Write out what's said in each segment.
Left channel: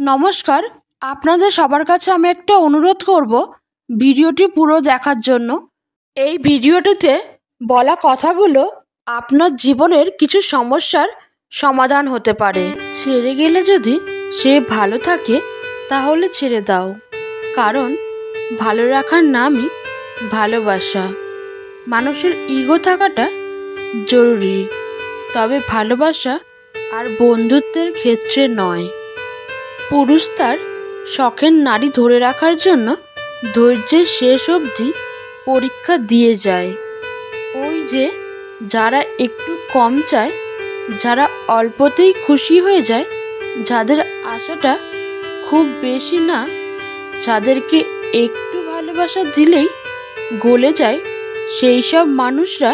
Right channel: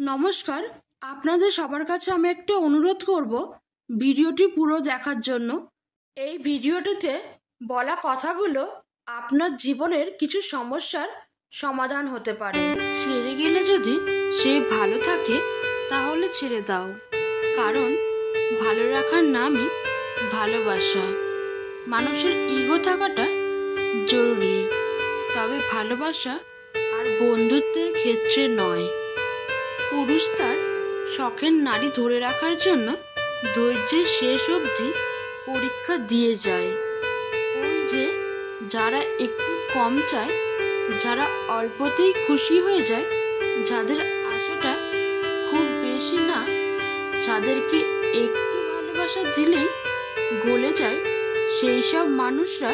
নমস্কার। আপনাদের সবার কাছে আমি একটা অনুরোধ করব ভিডিওটি পুরো দেখার জন্য। এই ভিডিওটিতে বলা কথাগুলো আপনার জীবনের কিছু সমস্যার সমাধান হতে পারে। ছেড়ে গেলে যদি সে ভালো থাকে তাহলে ছেড়ে দাও, কারণ ভালো রাখার নামই ভালোবাসা। মানুষের ইগো থাকাটা জরুরি, তবে ভালোবাসা আর বন্ধুত্বের ক্ষেত্রে নয়। পুরুষ তার শখের নারী ধরে রাখার জন্য ধৈর্যের শেষ অবধি পরীক্ষা দিয়ে যায়। ওই যে যারা একটু কম চায়, যারা অল্পতেই খুশি হয়ে যায়, যাদের আশাটা খুব বেশি না, যাদেরকে একটু ভালোবাসা দিলেই গলে যায়, সেই সব মানুষরা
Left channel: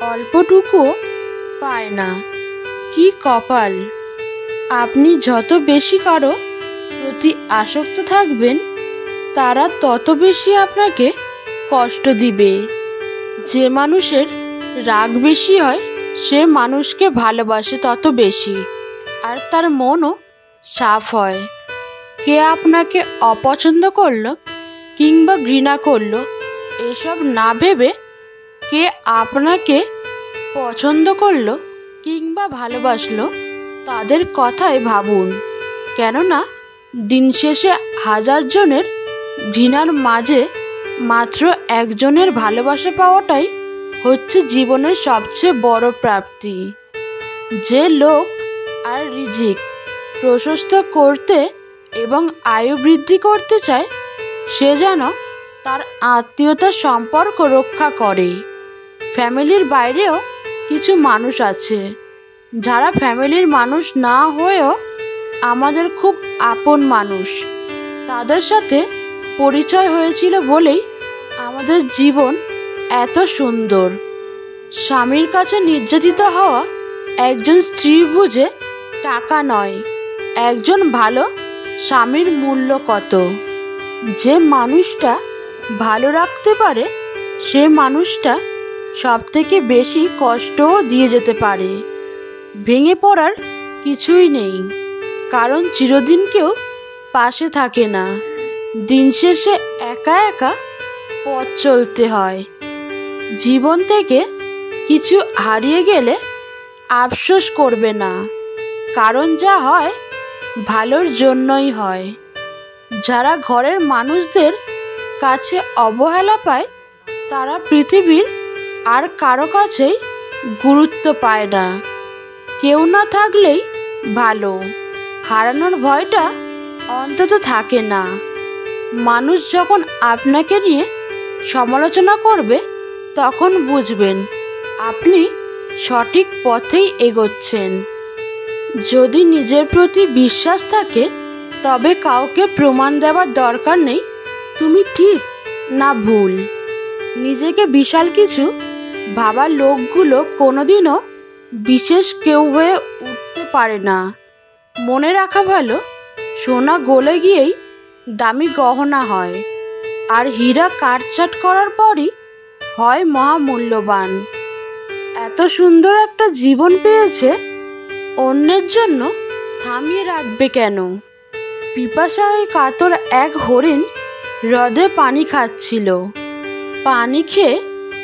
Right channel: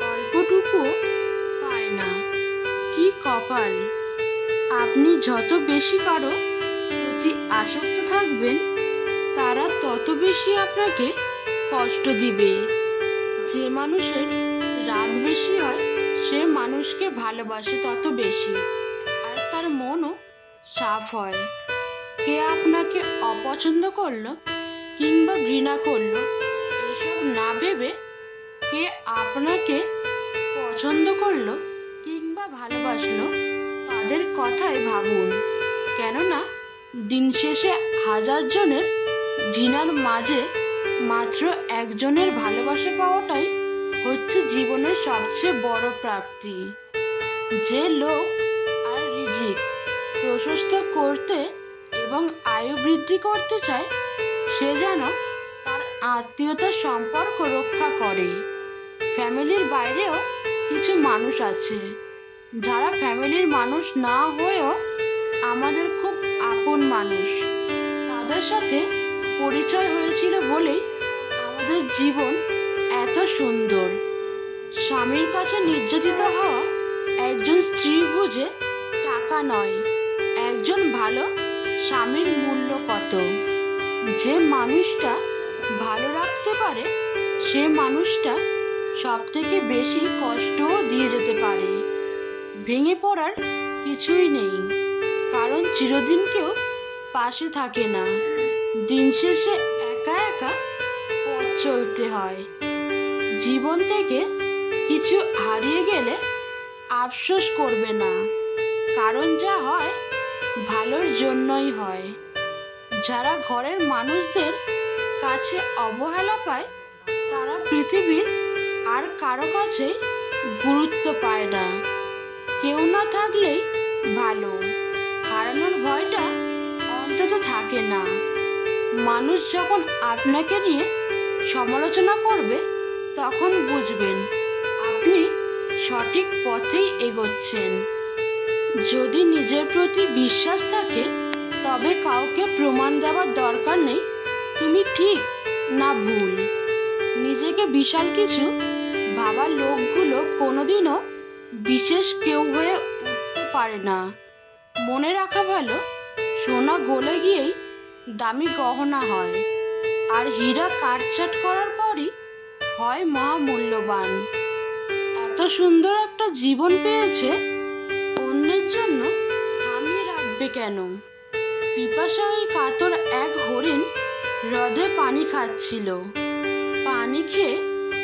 অল্পটুকুও পায় না। কি কপাল! আপনি যত বেশি কারো প্রতি আসক্ত থাকবেন, তারা তত বেশি আপনাকে কষ্ট দিবে। যে মানুষের রাগ বেশি হয়, সে মানুষকে ভালোবাসে তত বেশি, আর তার মনও সাফ হয়। কে আপনাকে অপছন্দ করলো কিংবা ঘৃণা করলো, এসব না ভেবে কে আপনাকে পছন্দ করলো কিংবা ভালোবাসলো, তাদের কথাই ভাবুন। কেননা দিন শেষে হাজার জনের ঘৃণার মাঝে মাত্র একজনের ভালোবাসা পাওয়াটাই হচ্ছে জীবনের সবচেয়ে বড় প্রাপ্তি। যে লোক আর রিজিক প্রশস্ত করতে এবং আয়ু বৃদ্ধি করতে চায়, সে যেন তার আত্মীয়তার সম্পর্ক রক্ষা করে। ফ্যামিলির বাইরেও কিছু মানুষ আছে, যারা ফ্যামিলির মানুষ না হয়েও আমাদের খুব আপন মানুষ। তাদের সাথে পরিচয় হয়েছিল বলেই আমাদের জীবন এত সুন্দর। স্বামীর কাছে নির্যাতিত হওয়া একজন স্ত্রী বুঝে টাকা নয়, একজন ভালো স্বামীর মূল্য কত। যে মানুষটা ভালো রাখতে পারে, সে মানুষটা সব থেকে বেশি কষ্টও দিয়ে যেতে পারে। ভেঙে পড়ার কিছুই নেই, কারণ চিরদিন কেউ পাশে থাকে না। দিন শেষে একা একা পথ চলতে হয়। জীবন থেকে কিছু হারিয়ে গেলে আফসোস করবে না, কারণ যা হয় ভালোর জন্যই হয়। যারা ঘরের মানুষদের কাছে অবহেলা পায়, তারা পৃথিবীর আর কারো কাছেই গুরুত্ব পায় না। কেউ না থাকলেই ভালো, হারানোর ভয়টা অন্তত থাকে না। মানুষ যখন আপনাকে নিয়ে সমালোচনা করবে, তখন বুঝবেন আপনি সঠিক পথেই এগোচ্ছেন। যদি নিজের প্রতি বিশ্বাস থাকে, তবে কাউকে প্রমাণ দেওয়ার দরকার নেই তুমি ঠিক না ভুল। নিজেকে বিশাল কিছু ভাবার লোকগুলো কোনোদিনও বিশেষ কেউ হয়ে উঠতে পারে না। মনে রাখা ভালো, সোনা গলে গিয়েই দামি গহনা হয়, আর হীরা কাটছাঁট করার পরই হয় মহামূল্যবান। এত সুন্দর একটা জীবন পেয়েছে, অন্যের জন্য থামিয়ে রাখবে কেন? পিপাসায় কাতর এক হরিণ হ্রদে পানি খাচ্ছিল। পানি খেয়ে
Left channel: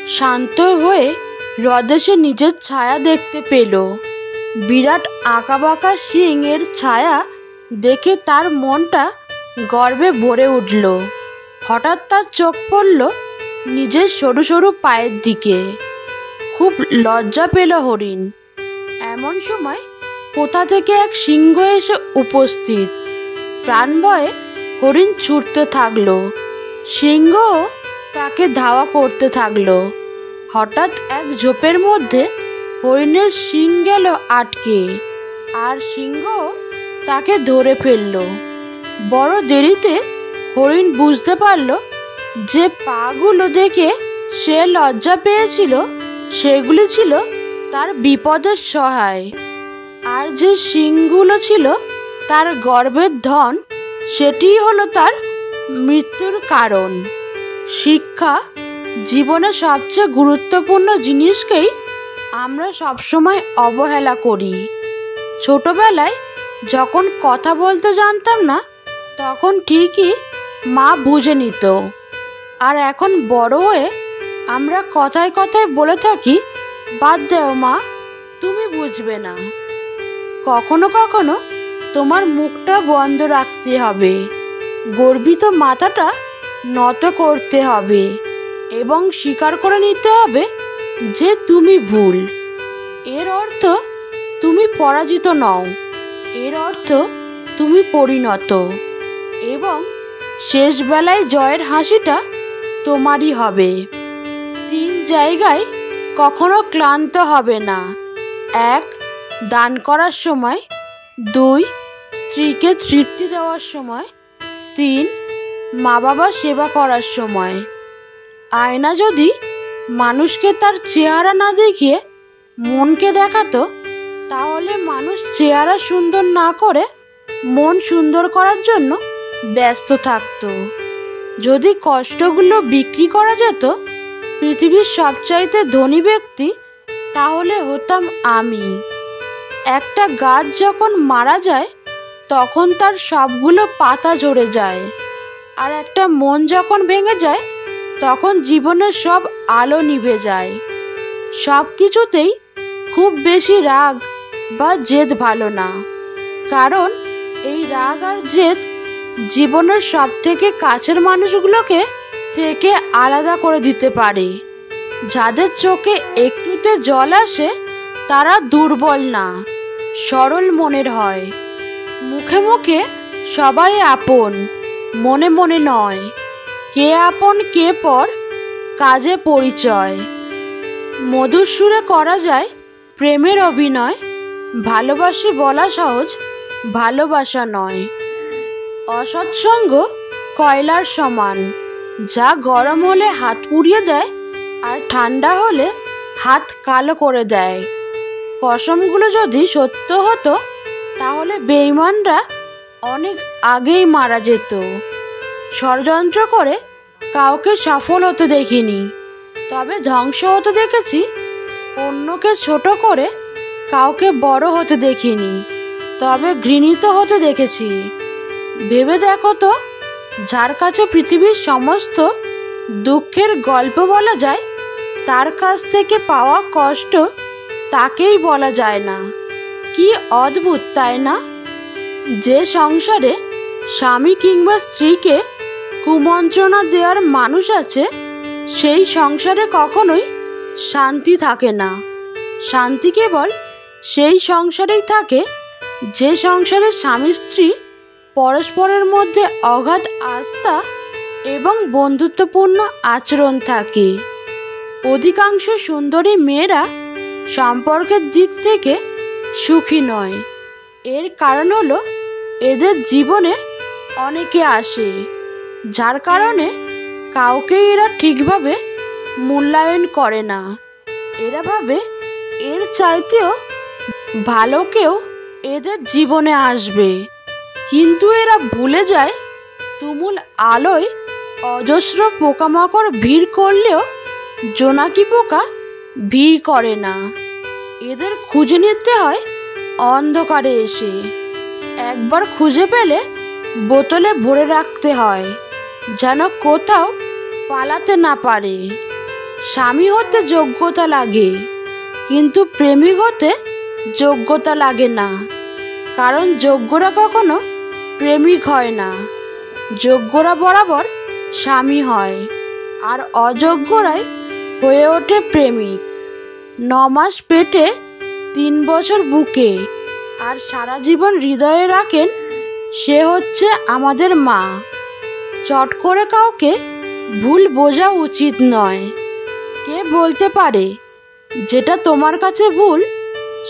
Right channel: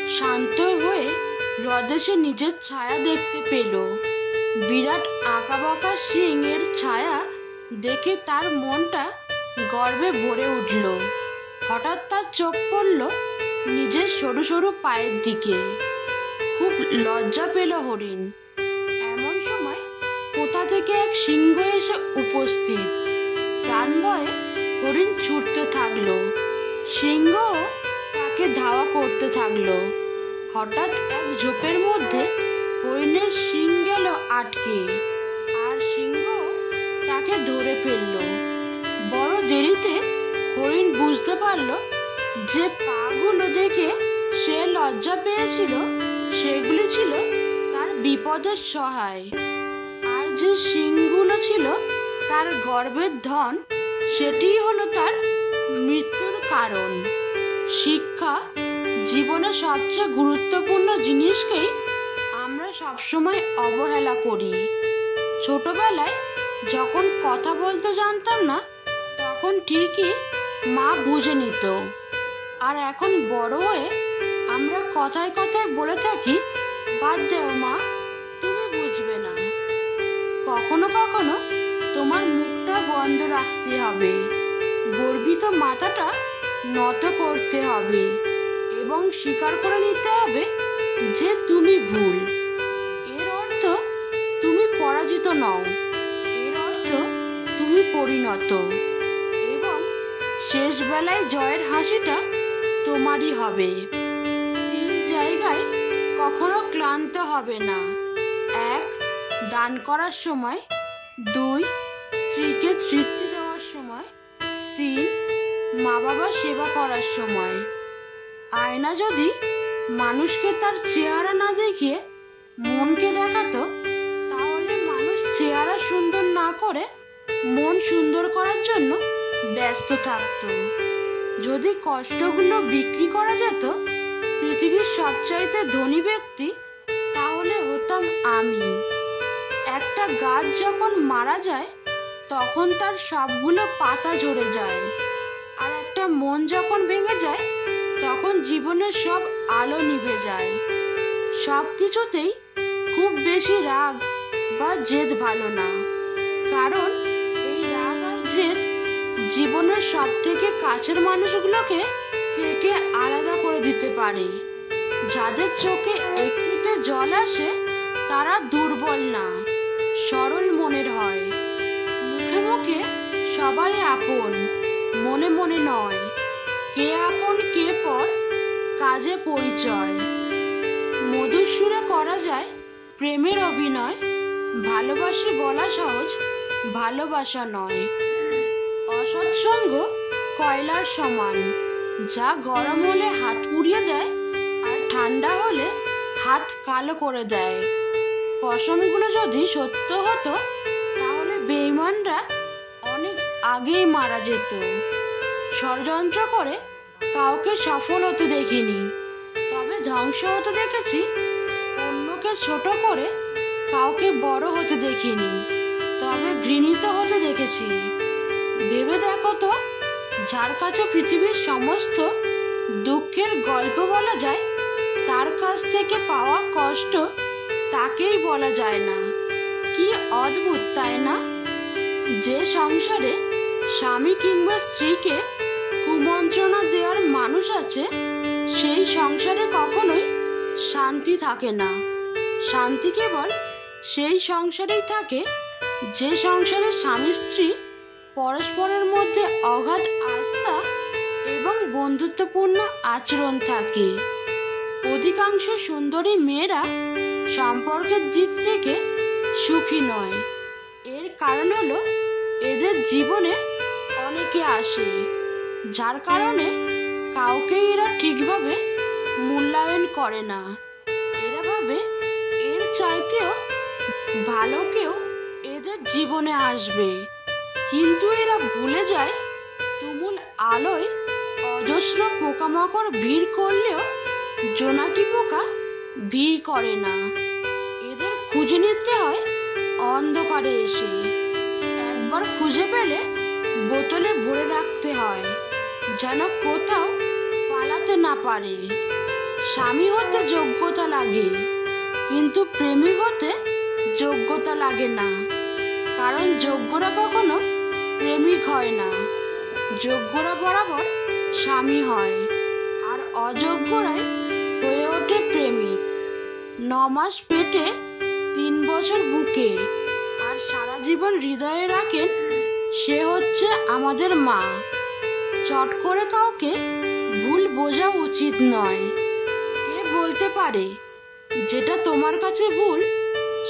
শান্ত হয়ে হ্রদে সে নিজের ছায়া দেখতে পেল। বিরাট আঁকাবাঁকা শিং-এর ছায়া দেখে তার মনটা গর্বে ভরে উঠল। হঠাৎ তার চোখ পড়ল নিজের সরু সরু পায়ের দিকে। খুব লজ্জা পেল হরিণ। এমন সময় কোথা থেকে এক সিংহ এসে উপস্থিত। প্রাণ ভয়ে হরিণ ছুটতে থাকলো। সিংহ তাকে ধাওয়া করতে থাকলো। হঠাৎ এক ঝোপের মধ্যে হরিণের শিং গেল আটকে, আর সিংহ তাকে ধরে ফেলল। বড় দেরিতে হরিণ বুঝতে পারল যে পাগুলো দেখে সে লজ্জা পেয়েছিল, সেগুলি ছিল তার বিপদের সহায়, আর যে শিংগুলো ছিল তার গর্বের ধন, সেটিই হলো তার মৃত্যুর কারণ। শিক্ষা জীবনে সবচেয়ে গুরুত্বপূর্ণ জিনিসকেই আমরা সবসময় অবহেলা করি। ছোটবেলায় যখন কথা বলতে জানতাম না তখন ঠিকই মা বুঝে নিত। আর এখন বড় হয়ে আমরা কথায় কথায় বলে থাকি, বাদ দেও মা, তুমি বুঝবে না। কখনো কখনো তোমার মুখটা বন্ধ রাখতে হবে, গর্বিত মাথাটা নত করতে হবে এবং স্বীকার করে নিতে হবে যে তুমি ভুল। এর অর্থ তুমি পরাজিত নও, এর অর্থ তুমি পরিণত, এবং শেষ বেলায় জয়ের হাসিটা তোমারই হবে। 3 জায়গায় কখনো ক্লান্ত হবে না। 1, দান করার সময়। 2, স্ত্রীকে তৃপ্তি দেওয়ার সময়। 3, মা বাবা সেবা করার সময়। আয়না যদি মানুষকে তার চেহারা না দেখিয়ে মনকে দেখাতো, তাহলে মানুষ চেহারা সুন্দর না করে মন সুন্দর করার জন্য ব্যস্ত থাকতো। যদি কষ্টগুলো বিক্রি করা যেত পৃথিবীর সবচাইতে ধনী ব্যক্তি, তাহলে হতাম আমি। একটা গাছ যখন মারা যায় তখন তার সবগুলো পাতা ঝরে যায়, আর একটা মন যখন ভেঙে যায় তখন জীবনের সব আলো নিভে যায়। সব কিছুতেই খুব বেশি রাগ বা জেদ ভালো না, কারণ এই রাগ আর জেদ জীবনের সব থেকে কাছের মানুষগুলোকে থেকে আলাদা করে দিতে পারে। যাদের চোখে একটুতে জল আসে তারা দুর্বল না, সরল মনের হয়। মুখে মুখে সবাই আপন, মনে মনে নয়। কে আপন কে পর, কাজে পরিচয়। মধুর সুরে করা যায় প্রেমের অভিনয়, ভালোবাসি বলা সহজ, ভালোবাসা নয়। অসৎসঙ্গ কয়লার সমান, যা গরম হলে হাত পুড়িয়ে দেয় আর ঠান্ডা হলে হাত কালো করে দেয়। কসমগুলো যদি সত্য হতো তাহলে বেঈমানরা অনেক আগেই মারা যেত। ষড়যন্ত্র করে কাউকে সফল হতে দেখিনি, তবে ধ্বংস হতে দেখেছি। অন্যকে ছোট করে কাউকে বড় হতে দেখিনি, তবে ঘৃণিত হতে দেখেছি। ভেবে দেখো তো, যার কাছে পৃথিবীর সমস্ত দুঃখের গল্প বলা যায়, তার কাছ থেকে পাওয়া কষ্ট তাকেই বলা যায় না। কি অদ্ভুত, তাই না? যে সংসারে স্বামী কিংবা স্ত্রীকে কুমন্ত্রণা দেওয়ার মানুষ আছে, সেই সংসারে কখনোই শান্তি থাকে না। শান্তি কেবল সেই সংসারেই থাকে যে সংসারে স্বামী স্ত্রী পরস্পরের মধ্যে অগাধ আস্থা এবং বন্ধুত্বপূর্ণ আচরণ থাকে। অধিকাংশ সুন্দরী মেয়েরা সম্পর্কের দিক থেকে সুখী নয়। এর কারণ হলো এদের জীবনে অনেকে আসে, যার কারণে কাউকে এরা ঠিকভাবে মূল্যায়ন করে না। এরা ভাবে এর চাইতেও ভালো কেউ এদের জীবনে আসবে, কিন্তু এরা ভুলে যায় তুমুল আলোয় অজস্র পোকামাকড় ভিড় করলেও জোনাকি পোকা ভিড় করে না। এদের খুঁজে নিতে হয় অন্ধকারে এসে। একবার খুঁজে পেলে বোতলে ভরে রাখতে হয়, যেন কোথাও পালাতে না পারে। স্বামী হতে যোগ্যতা লাগে, কিন্তু প্রেমিক হতে যোগ্যতা লাগে না, কারণ যোগ্যরা কখনো প্রেমিক হয় না। যোগ্যরা বরাবর স্বামী হয়, আর অযোগ্যরাই হয়ে ওঠে প্রেমিক। 9 মাস পেটে, 3 বছর বুকে, আর সারা জীবন হৃদয়ে রাখেন, সে হচ্ছে আমাদের মা। চট করে কাউকে ভুল বোঝা উচিত নয়। কে বলতে পারে যেটা তোমার কাছে ভুল,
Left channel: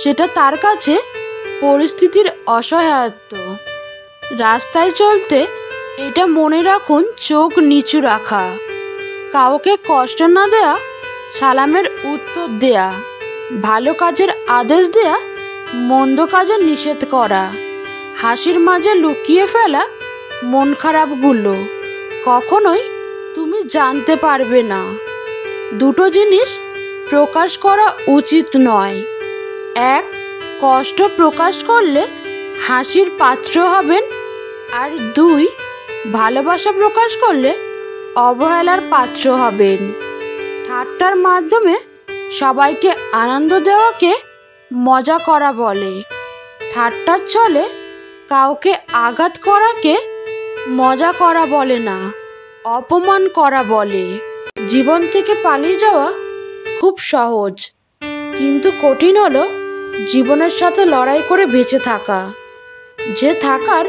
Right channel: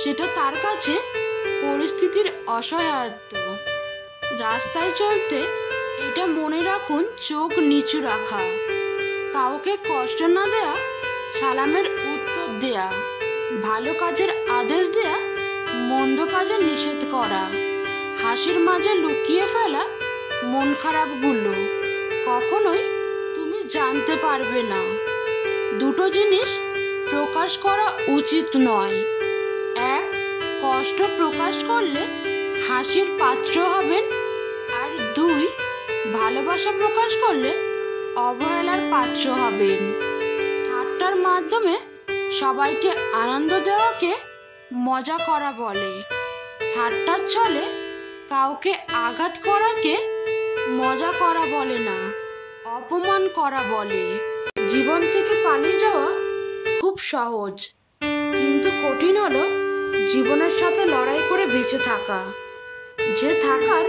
সেটা তার কাছে পরিস্থিতির অসহায়ত্ব। রাস্তায় চলতে এটা মনে রাখুন, চোখ নিচু রাখা, কাউকে কষ্ট না দেয়া, সালামের উত্তর দেয়া, ভালো কাজের আদেশ দেয়া, মন্দ কাজে নিষেধ করা, হাসির মাঝে লুকিয়ে ফেলা মন খারাপগুলো কখনোই তুমি জানতে পারবে না। দুটো জিনিস প্রকাশ করা উচিত নয়। 1, কষ্ট প্রকাশ করলে হাসির পাত্র হবেন। আর 2, ভালোবাসা প্রকাশ করলে অবহেলার পাত্র হবেন। ঠাট্টার মাধ্যমে সবাইকে আনন্দ দেওয়াকে মজা করা বলে। ঠাট্টার ছলে কাউকে আঘাত করাকে মজা করা বলে না, অপমান করা বলে। জীবন থেকে পালিয়ে যাওয়া খুব সহজ, কিন্তু কঠিন হলো জীবনের সাথে লড়াই করে বেঁচে থাকা। যে থাকার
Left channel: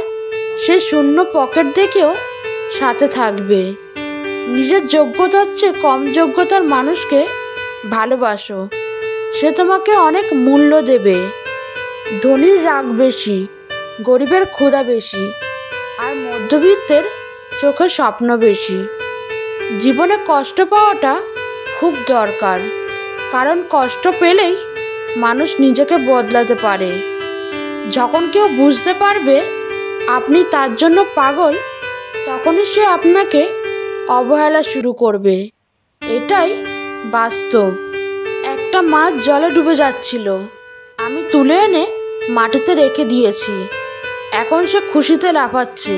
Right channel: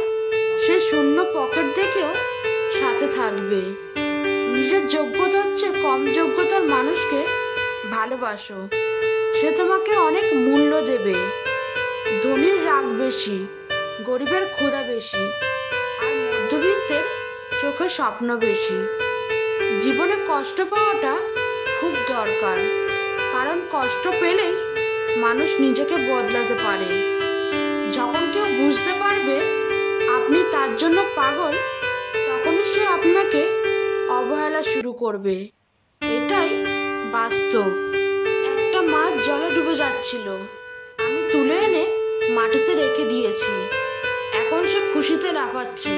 সে শূন্য পকেট দেখেও সাথে থাকবে। নিজের যোগ্যতার চেয়ে কম যোগ্যতার মানুষকে ভালোবাসো, সে তোমাকে অনেক মূল্য দেবে। ধনীর রাগ বেশি, গরিবের ক্ষুধা বেশি, আর মধ্যবিত্তের চোখে স্বপ্ন বেশি। জীবনে কষ্ট পাওয়াটা খুব দরকার, কারণ কষ্ট পেলেই মানুষ নিজেকে বদলাতে পারে। যখন কেউ বুঝতে পারবে আপনি তার জন্য পাগল, তখনই সে আপনাকে অবহেলা শুরু করবে। এটাই বাস্তব। একটা মাছ জলে ডুবে যাচ্ছিল, আমি তুলে এনে মাটিতে রেখে দিয়েছি। এখন সে খুশিতে লাফাচ্ছে।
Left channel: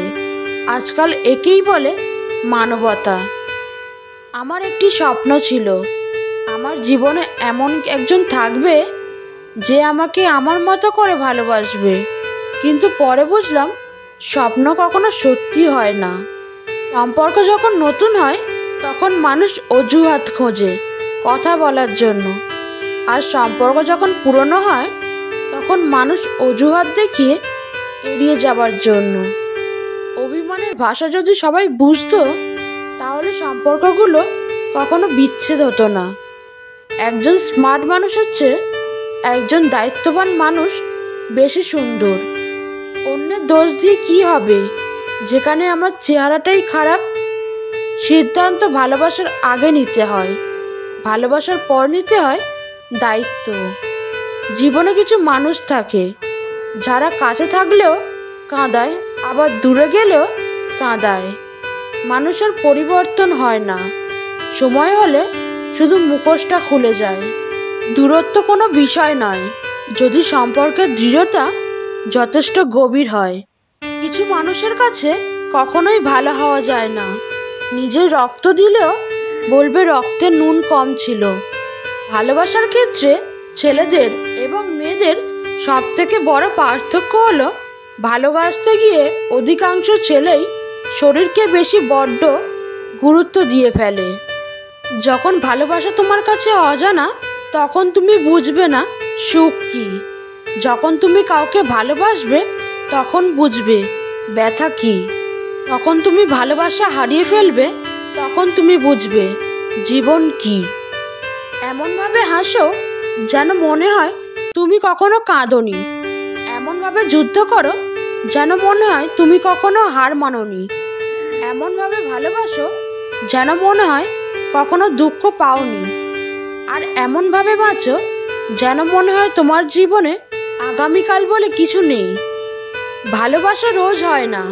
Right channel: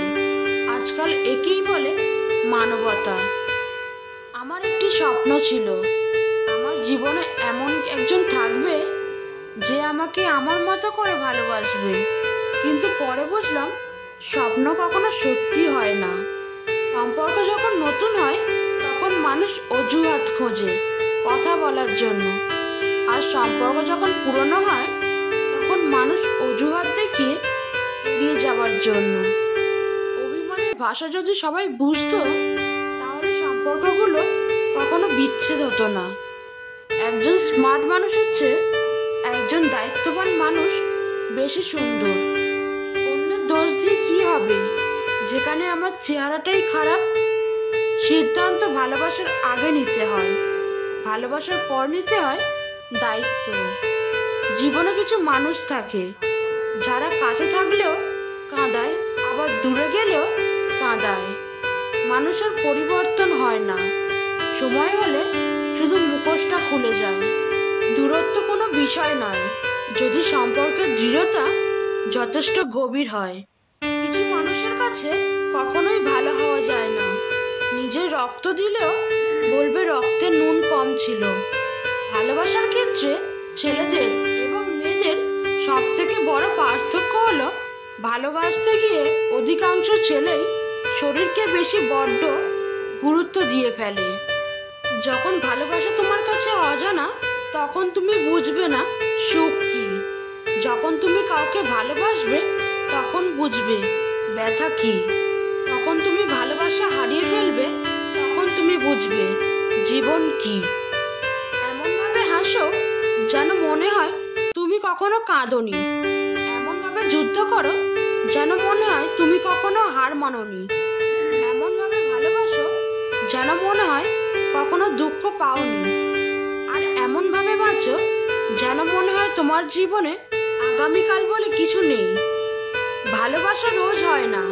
আজকাল একেই বলে মানবতা। আমার একটি স্বপ্ন ছিল, আমার জীবনে এমন একজন থাকবে যে আমাকে আমার মতো করে ভালোবাসবে। কিন্তু পরে বুঝলাম স্বপ্ন কখনো সত্যি হয় না। সম্পর্ক যখন নতুন হয় তখন মানুষ অজুহাত খোঁজে কথা বলার জন্য, আর সম্পর্ক যখন পুরনো হয় তখন মানুষ অজুহাত দেখিয়ে এড়িয়ে যাবার জন্য। অভিমানের ভাষা যদি সবাই বুঝতো, তাহলে সম্পর্কগুলো কখনো বিচ্ছেদ হতো না। একজন স্মার্ট মানুষের চেয়ে একজন দায়িত্ববান মানুষ বেশি সুন্দর। অন্যের দোষ দিয়ে কি হবে, যেখানে আমার চেহারাটাই খারাপ? সিদ্ধান্ত ভালোবাসার আগে নিতে হয়, ভালোবাসার পর নিতে হয় দায়িত্ব। জীবনে কিছু মানুষ থাকে যারা কাছে থাকলেও কাঁদায়, আবার দূরে গেলেও কাঁদায়। মানুষের পরিবর্তন হয় না, সময় হলে শুধু মুখোশটা খুলে যায়। দূরত্ব কোনো বিষয় নয়, যদি সম্পর্কের দৃঢ়তা যথেষ্ট গভীর হয়। কিছু মানুষের কাছে কখনোই ভালো হওয়া যায় না। নিজের রক্ত দিলেও বলবে রক্তে নুন কম ছিল। ভালোবাসার ক্ষেত্রে ছেলেদের এবং মেয়েদের সবথেকে বড় পার্থক্য হলো, ভালোবাসতে গিয়ে অধিকাংশ ছেলেই শরীরকে বেশি বড্ড গুরুত্ব দিয়ে ফেলে। যখন ভালোবাসা তোমার কাছে অজানা, তখন তুমি বুঝবে না সুখ কি। যখন তুমি কাউকে ভালোবাসবে তখন বুঝবে ব্যথা কি। তখন তুমি ভালোবাসা হারিয়ে ফেলবে, তখন তুমি বুঝবে জীবন কি। এমনভাবে হাসো যেন মনে হয় তুমি কখনো কাঁদোনি। এমনভাবে যুদ্ধ করো যেন মনে হয় তুমি কখনো হার মানোনি। এমনভাবে ভালোবাসো যেন মনে হয় কখনো দুঃখ পাওনি। আর এমনভাবে বাঁচো যেন মনে হয় তোমার জীবনে আগামীকাল বলে কিছু নেই। ভালোবাসা রোজ হয় না,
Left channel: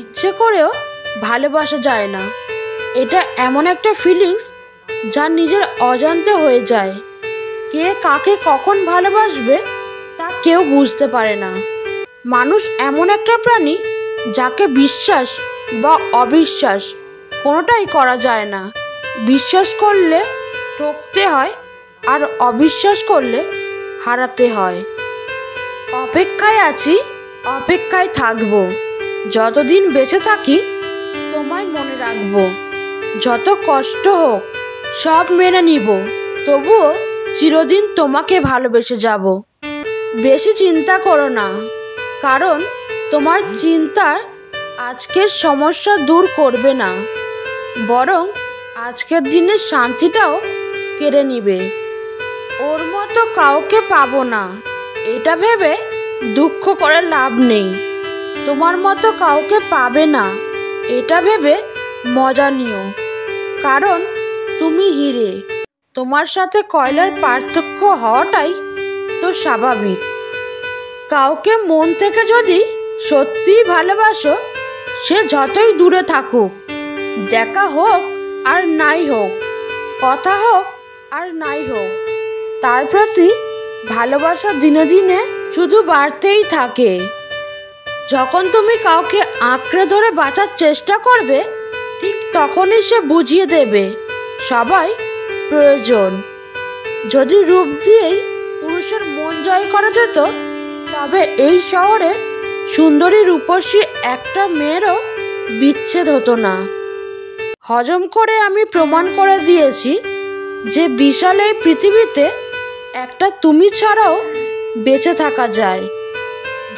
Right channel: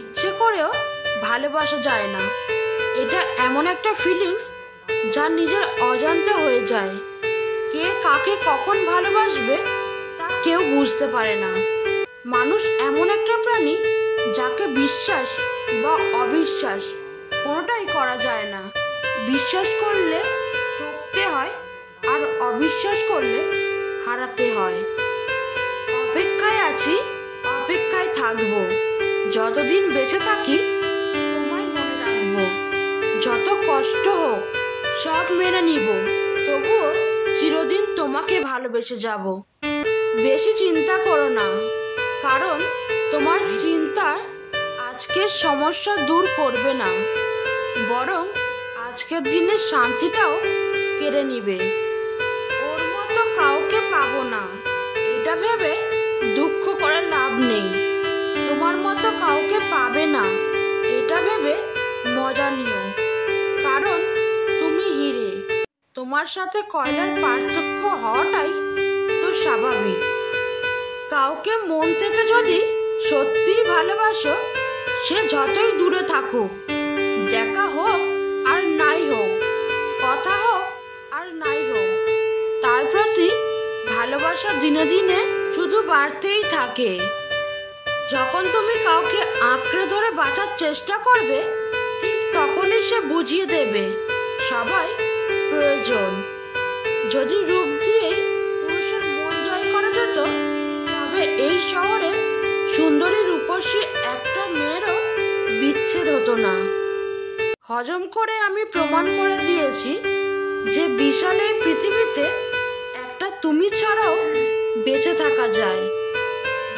ইচ্ছে করেও ভালোবাসা যায় না। এটা এমন একটা ফিলিংস যা নিজের অজান্তে হয়ে যায়। কে কাকে কখন ভালোবাসবে তা কেউ বুঝতে পারে না। মানুষ এমন একটা প্রাণী যাকে বিশ্বাস বা অবিশ্বাস কোনোটাই করা যায় না। বিশ্বাস করলে ঠকতে হয়, আর অবিশ্বাস করলে হারাতে হয়। অপেক্ষায় আছি, অপেক্ষায় থাকবো। যতদিন বেঁচে থাকি তোমায় মনে রাখবো। যত কষ্ট হোক সব মেনে নিব, তবুও চিরদিন তোমাকে ভালোবেসে যাব। বেশি চিন্তা করো না, কারণ তোমার চিন্তার আজকের সমস্যা দূর করবে না, বরং আজকের দিনের শান্তিটাও কেড়ে নিবে। ওর মতো কাউকে পাবো না, এটা ভেবে দুঃখ করে লাভ নেই। তোমার মতো কাউকে পাবে না, এটা ভেবে মজা নিও। কারণ তুমি হিরে, তোমার সাথে কয়লার পার্থক্য হওয়াটাই তো স্বাভাবিক। কাউকে মন থেকে যদি সত্যিই ভালোবাসো, সে যতই দূরে থাকুক, দেখা হোক আর নাই হোক, কথা হোক আর নাই হোক, তার প্রতি ভালোবাসা দিনে দিনে শুধু বাড়তেই থাকে। যখন তুমি কাউকে আঁকড়ে ধরে বাঁচার চেষ্টা করবে, ঠিক তখনই সে বুঝিয়ে দেবে সবাই প্রয়োজন। যদি রূপ দিয়েই পুরুষের মন জয় করা যেত, তবে এই শহরে সুন্দরী রূপসী একটা মেয়েরও বিচ্ছেদ হতো না। হজম করে আমি প্রমাণ করে দিয়েছি যে বিশাল এই পৃথিবীতে একটা তুমি ছাড়াও বেঁচে থাকা যায়।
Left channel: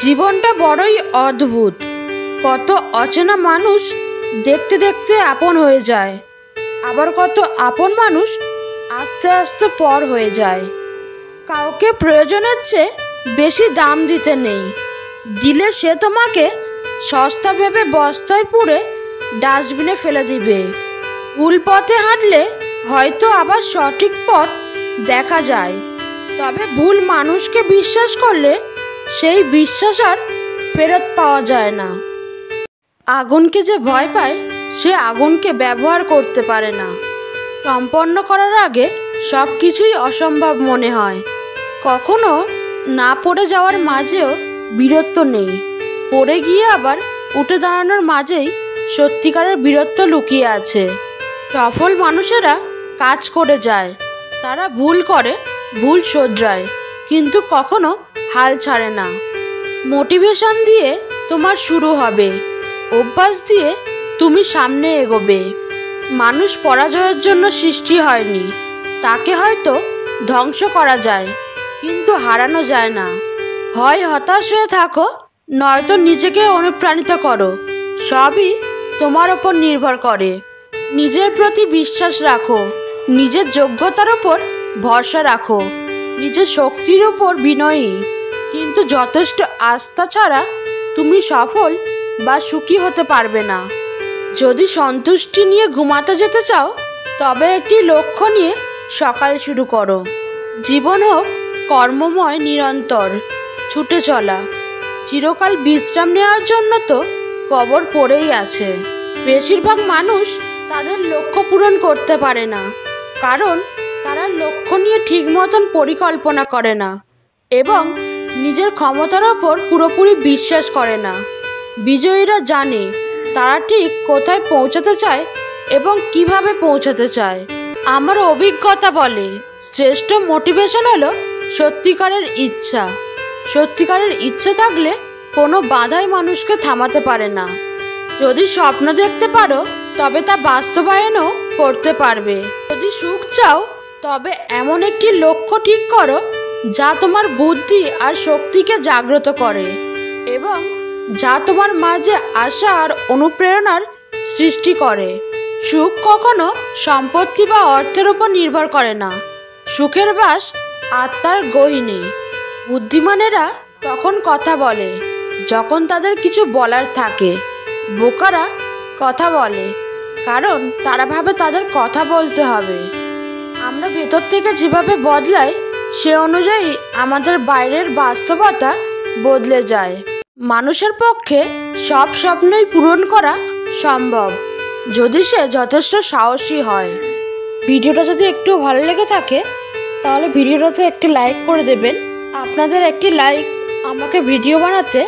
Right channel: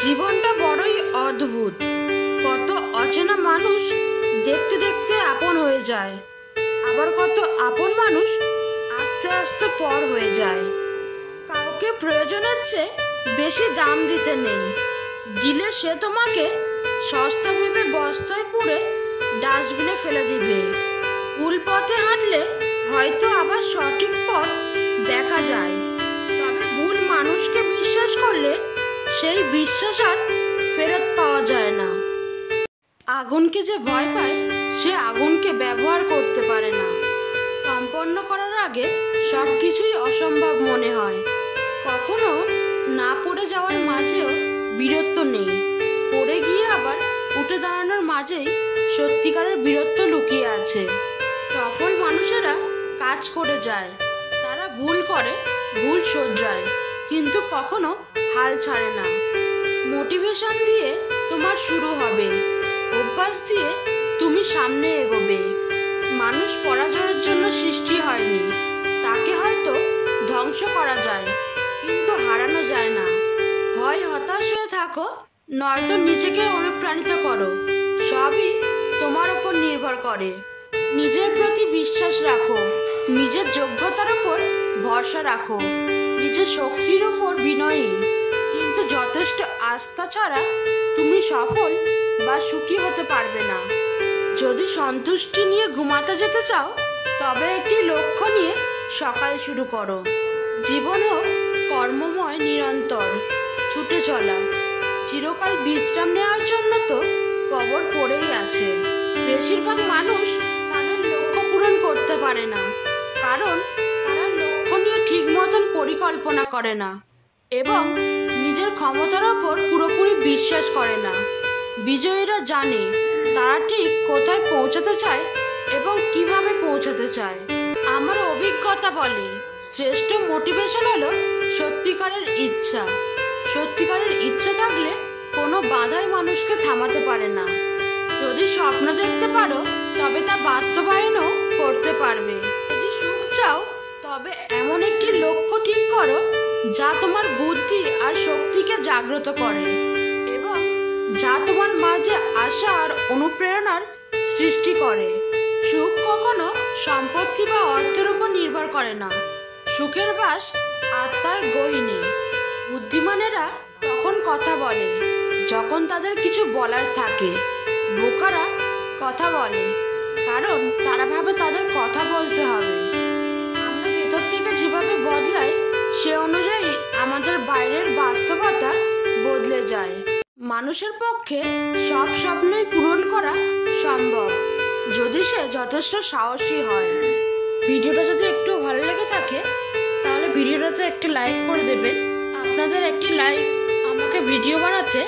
জীবনটা বড়ই অদ্ভুত। কত অচেনা মানুষ দেখতে দেখতে আপন হয়ে যায়, আবার কত আপন মানুষ আস্তে আস্তে পর হয়ে যায়। কাউকে প্রয়োজনের চেয়ে বেশি দাম দিতে নেই। দিলে সে তোমাকে সস্তা ভেবে বস্তায় পুরে ডাস্টবিনে ফেলে দিবে। ভুল পথে হাঁটলে হয়তো আবার সঠিক পথ দেখা যায়, তবে ভুল মানুষকে বিশ্বাস করলে সেই বিশ্বাস আর ফেরত পাওয়া যায় না। আগুনকে যে ভয় পায়, সে আগুনকে ব্যবহার করতে পারে না। সম্পন্ন করার আগে সব কিছুই অসম্ভব মনে হয়। কখনো না পড়ে যাওয়ার মাঝেও বীরত্ব নেই, পড়ে গিয়ে আবার উঠে দাঁড়ানোর মাঝেই সত্যিকারের বীরত্ব লুকিয়ে আছে। সফল মানুষেরা কাজ করে যায়, তারা ভুল করে, ভুল শোধরায়, কিন্তু কখনো হাল ছাড়ে না। মোটিভেশন দিয়ে তোমার শুরু হবে, অভ্যাস দিয়ে তুমি সামনে এগোবে। মানুষ পরাজয়ের জন্য সৃষ্টি হয়নি, তাকে হয়তো ধ্বংস করা যায়, কিন্তু হারানো যায় না। হয় হতাশ হয়ে থাকো, নয়তো নিজেকে অনুপ্রাণিত করো। সবই তোমার ওপর নির্ভর করে। নিজের প্রতি বিশ্বাস রাখো, নিজের যোগ্যতার ওপর ভরসা রাখো, নিজের শক্তির ওপর বিনয়ী, কিন্তু যথেষ্ট আস্থা ছাড়া তুমি সফল বা সুখী হতে পারবে না। যদি সন্তুষ্টি নিয়ে ঘুমাতে যেতে চাও, তবে একটি লক্ষ্য নিয়ে সকাল শুরু করো। জীবন হোক কর্মময়, নিরন্তর ছুটে চলা। চিরকাল বিশ্রাম নেওয়ার জন্য তো কবর পড়েই আছে। বেশিরভাগ মানুষ তাদের লক্ষ্য পূরণ করতে পারে না, কারণ তারা লক্ষ্য নিয়ে ঠিক মতন পরিকল্পনা করে না এবং নিজের ক্ষমতার ওপর পুরোপুরি বিশ্বাস করে না। বিজয়ীরা জানে তারা ঠিক কোথায় পৌঁছাতে চায় এবং কিভাবে পৌঁছাতে চায়। আমার অভিজ্ঞতা বলে, শ্রেষ্ঠ মোটিভেশন হলো সত্যিকারের ইচ্ছা। সত্যিকারের ইচ্ছা থাকলে কোনো বাধাই মানুষকে থামাতে পারে না। যদি স্বপ্ন দেখতে পারো, তবে তা বাস্তবায়নও করতে পারবে। যদি সুখ চাও, তবে এমন একটি লক্ষ্য ঠিক করো যা তোমার বুদ্ধি আর শক্তিকে জাগ্রত করে এবং যা তোমার মাঝে আশা আর অনুপ্রেরণার সৃষ্টি করে। সুখ কখনো সম্পত্তি বা অর্থের উপর নির্ভর করে না। সুখের বাস আত্মার গহীনে। বুদ্ধিমানেরা তখন কথা বলে যখন তাদের কিছু বলার থাকে। বোকারা কথা বলে কারণ তারা ভাবে তাদের কথা বলতে হবে। আমরা ভেতর থেকে যেভাবে বদলাই, সে অনুযায়ী আমাদের বাইরের বাস্তবতা বদলে যায়। মানুষের পক্ষে সব স্বপ্নই পূরণ করা সম্ভব, যদি সে যথেষ্ট সাহসী হয়। ভিডিওটা যদি একটু ভালো লেগে থাকে, তাহলে ভিডিওটাতে একটি লাইক করে দেবেন। আপনাদের একটি লাইক আমাকে ভিডিও বানাতে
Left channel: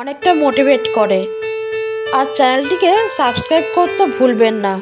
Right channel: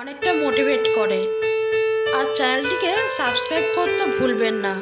অনেকটা মোটিভেট করে। আর চ্যানেলটিকে সাবস্ক্রাইব করতে ভুলবেন না।